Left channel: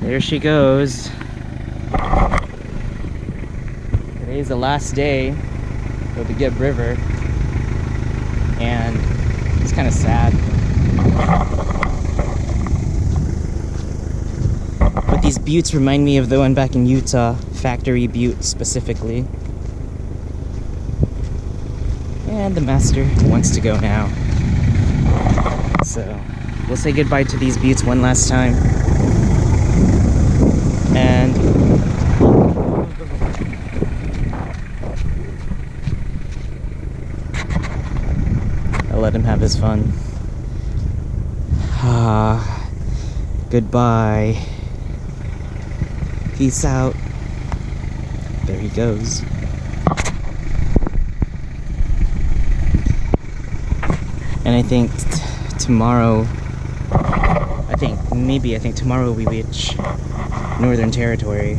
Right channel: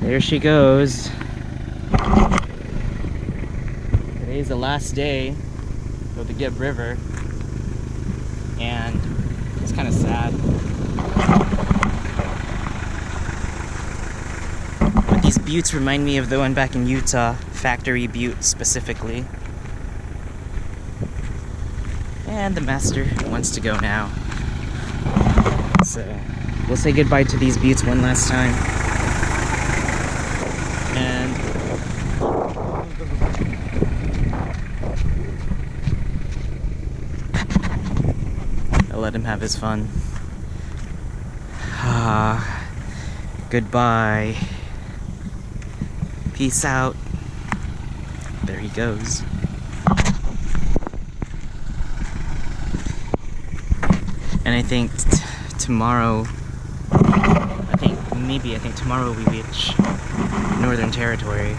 There she goes. Today's the last day of the Gibb River, and it's kind of sad. But these buttes remind me of the one back in Utah, Factory Butte specifically. And the master wants to go now. So we'll say goodbye to these buttes one last time. And I'll let him have his fun. Goodbye. Peace out. There he goes. And I think tomorrow, I think tomorrow we reach Northern Territory.